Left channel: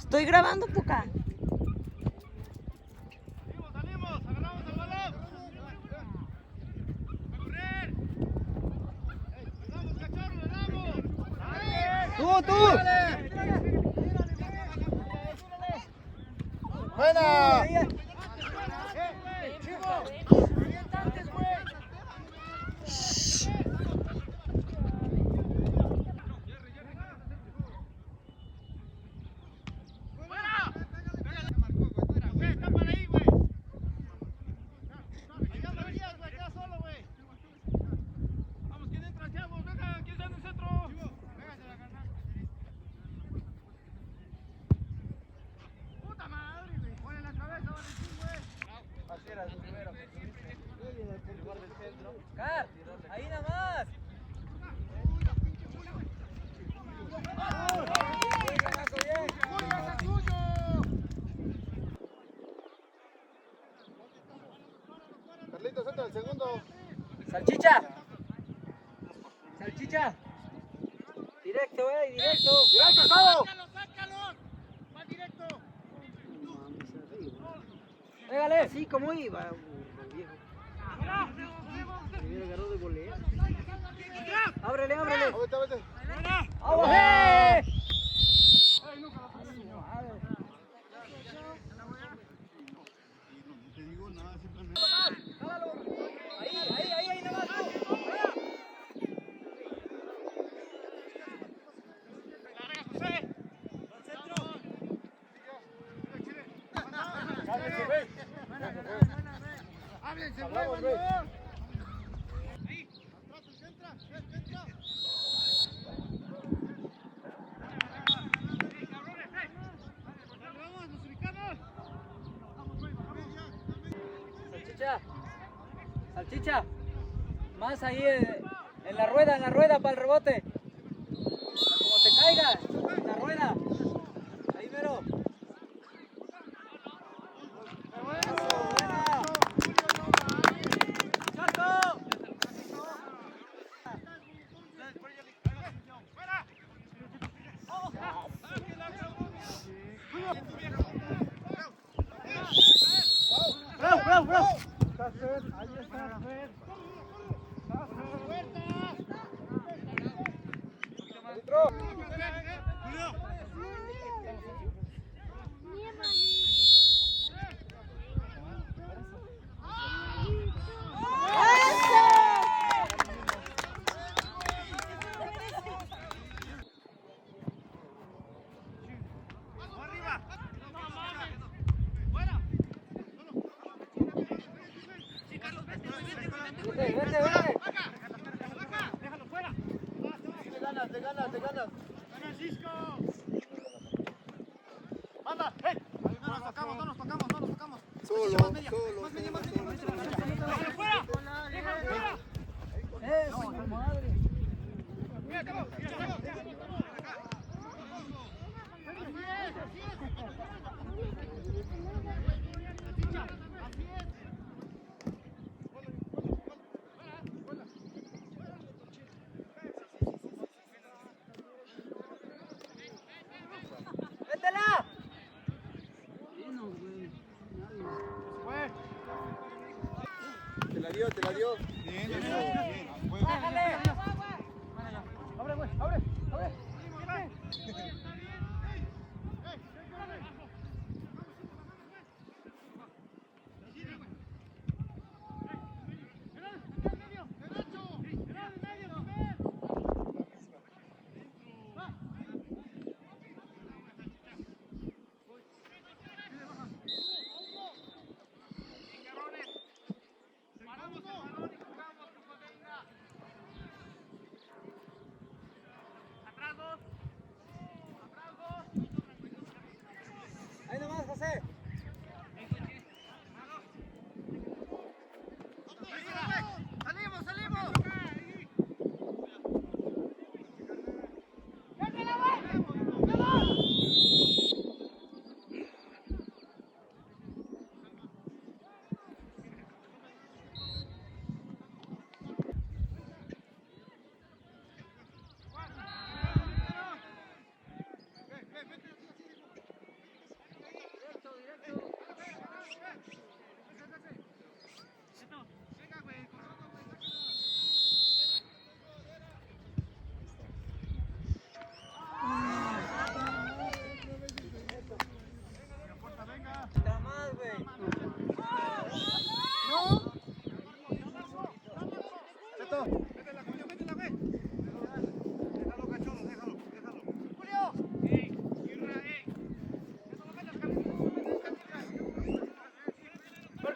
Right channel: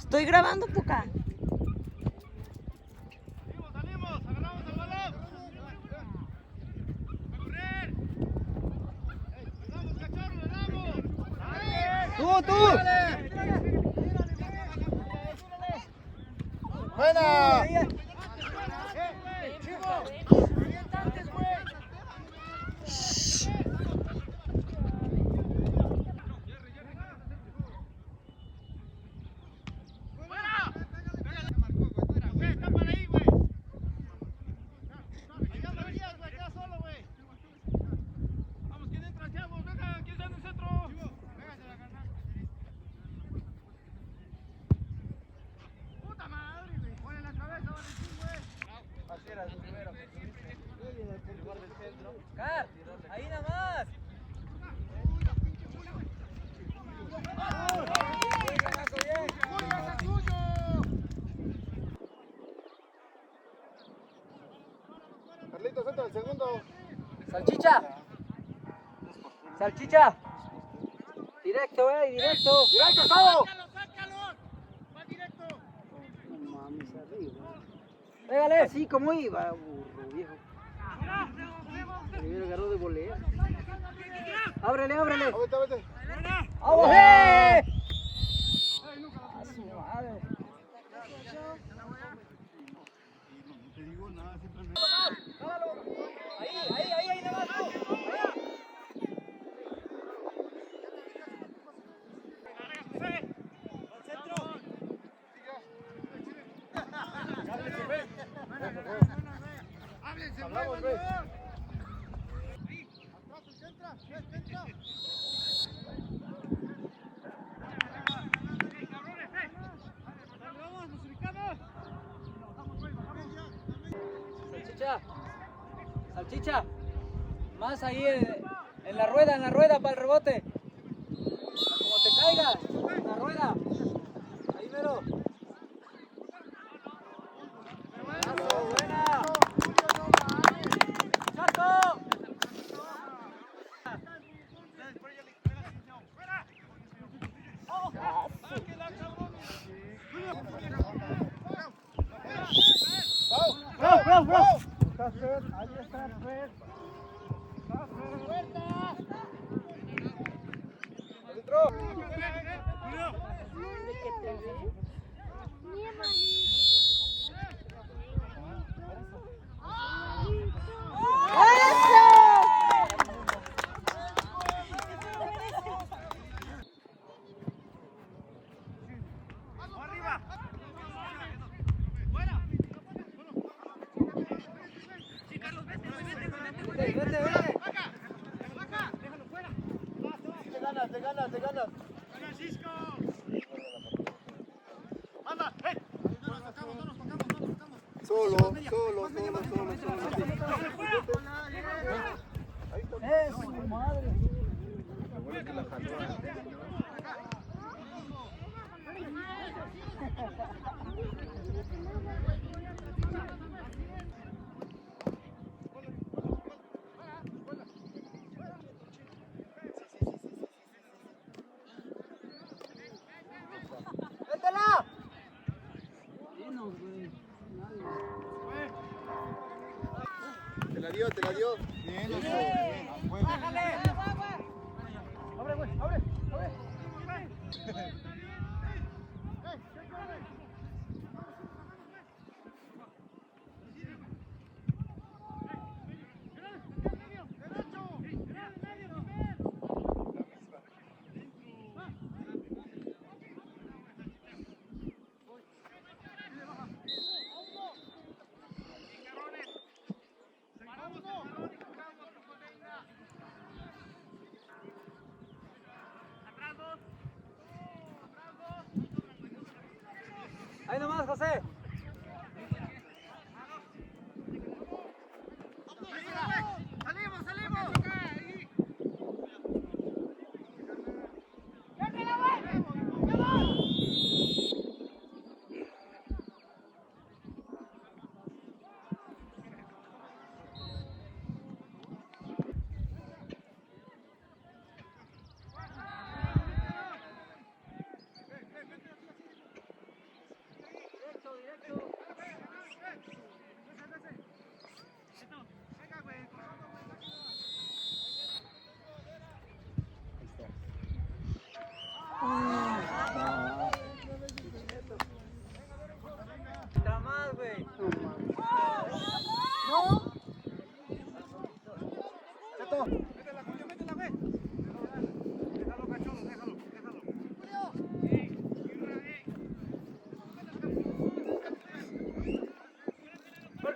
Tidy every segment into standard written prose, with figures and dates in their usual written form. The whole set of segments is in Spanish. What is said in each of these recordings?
Estoy grabando, Puca. Salimos, agarramos el balón. A correr. Vamos, cachorro, le damos. ¡Tú! ¡Buena! Ahí nada más. Carlitos, entra el segundo. Salchicha. Salchicha. Directo, directo. ¡Directo, todo! ¡Sácalo! ¡Va directo! Pégale, así como iba. Agarró de volea. Ábrele. Vete. ¡Vamos! No te digo nada, simplemente. Salchicha. Más ahí en la rueda para el rebote. No te caigas. En la rueda. Ahí mero. Bien, a juego. Abre.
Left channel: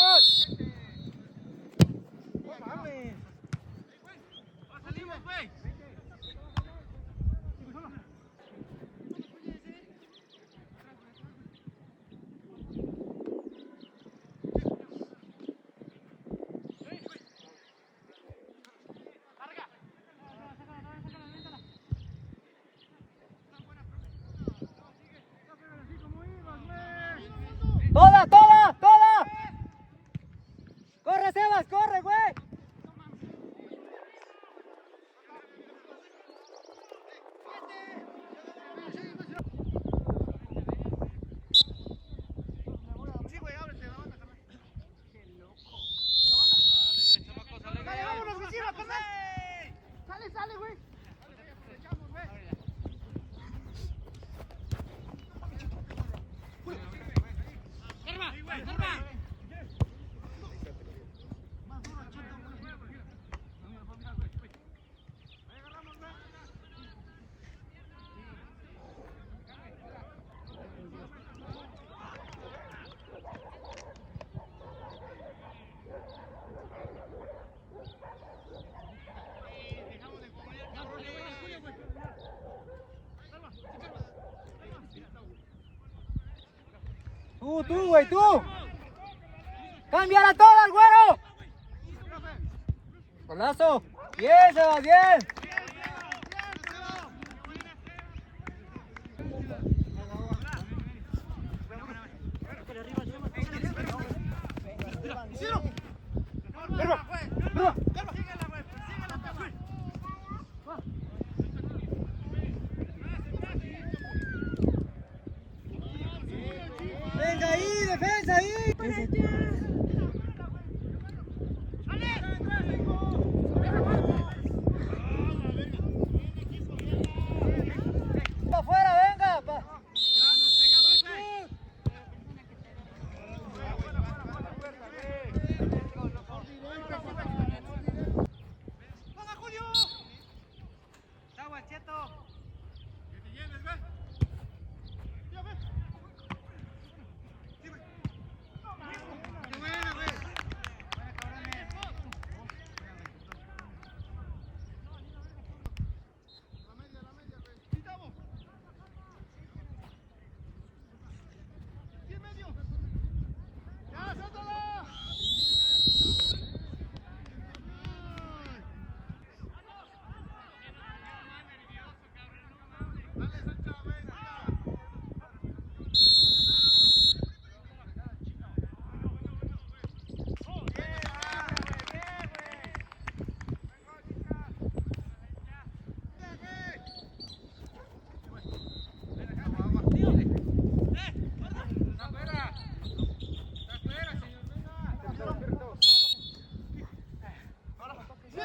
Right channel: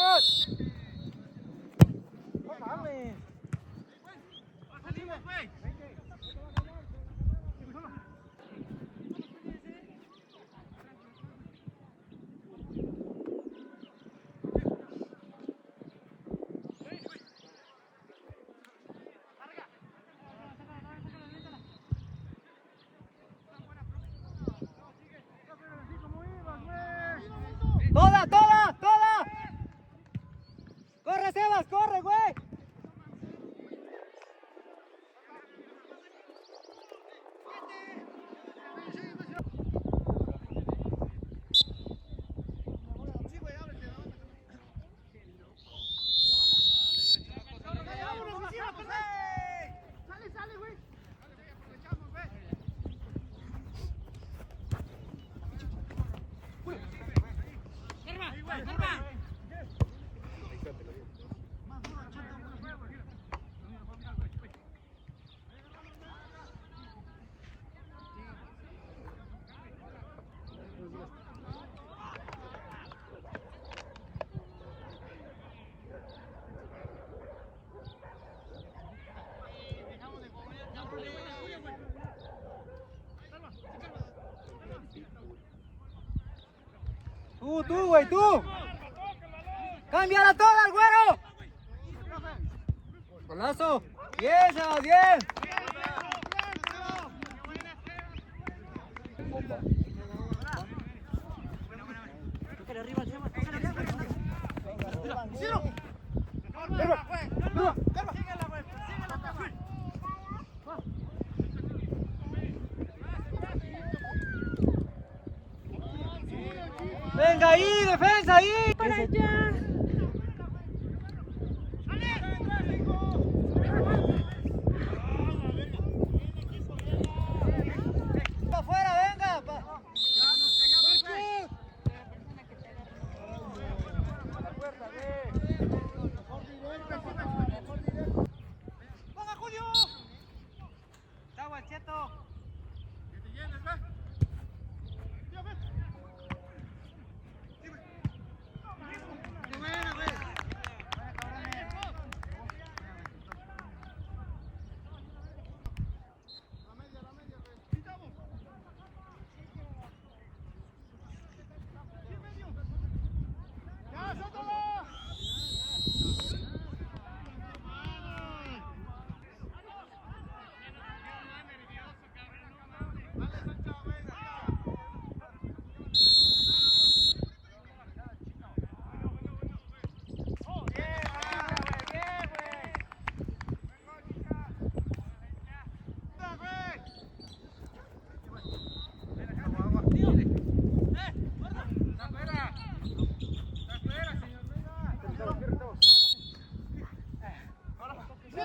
coach! No mames. Salimos, güey. ¡Toda, toda, toda! ¡Corre, Sebas, corre, güey! Sale, güey. Tú, güey, tú. ¡Cámbiala toda, el güero! ¡Golazo! ¡Bien, Sebas, bien! ¡Venga ahí, defensa ahí! Para allá. ¡Afuera, venga!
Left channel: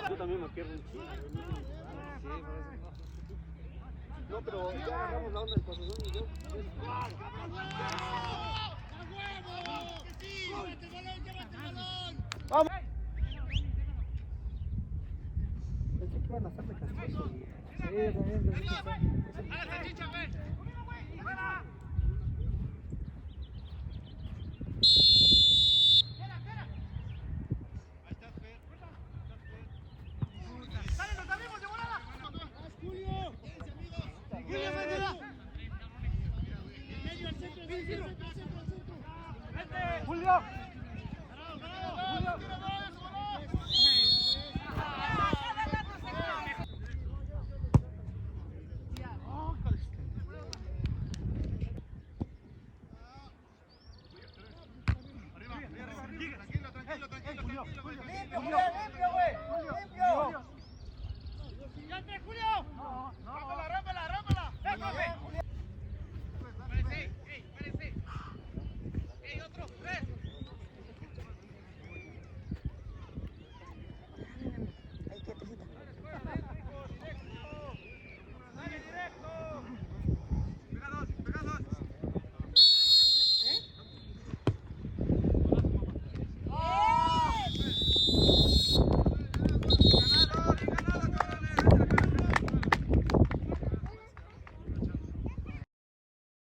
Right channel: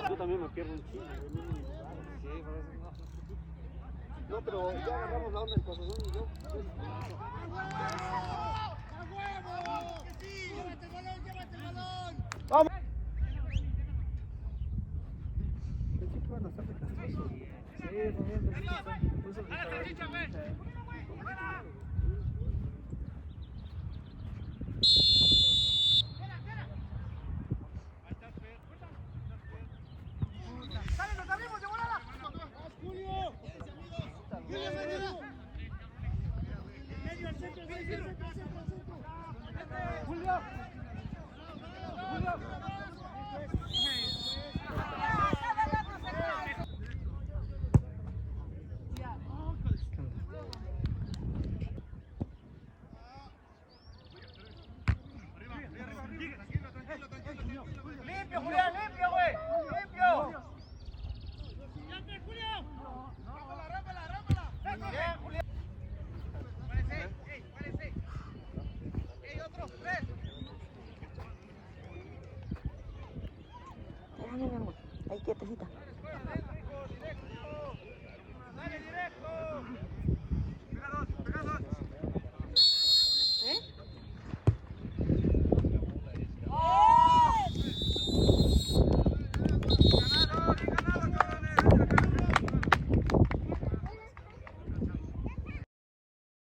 Yo también me pierdo un chingo. No, pero ya agarramos la onda del pabellón y yo. ¡Llévate el balón! ¡Vamos! Julio. Arriba, tranquilo, tranquilo.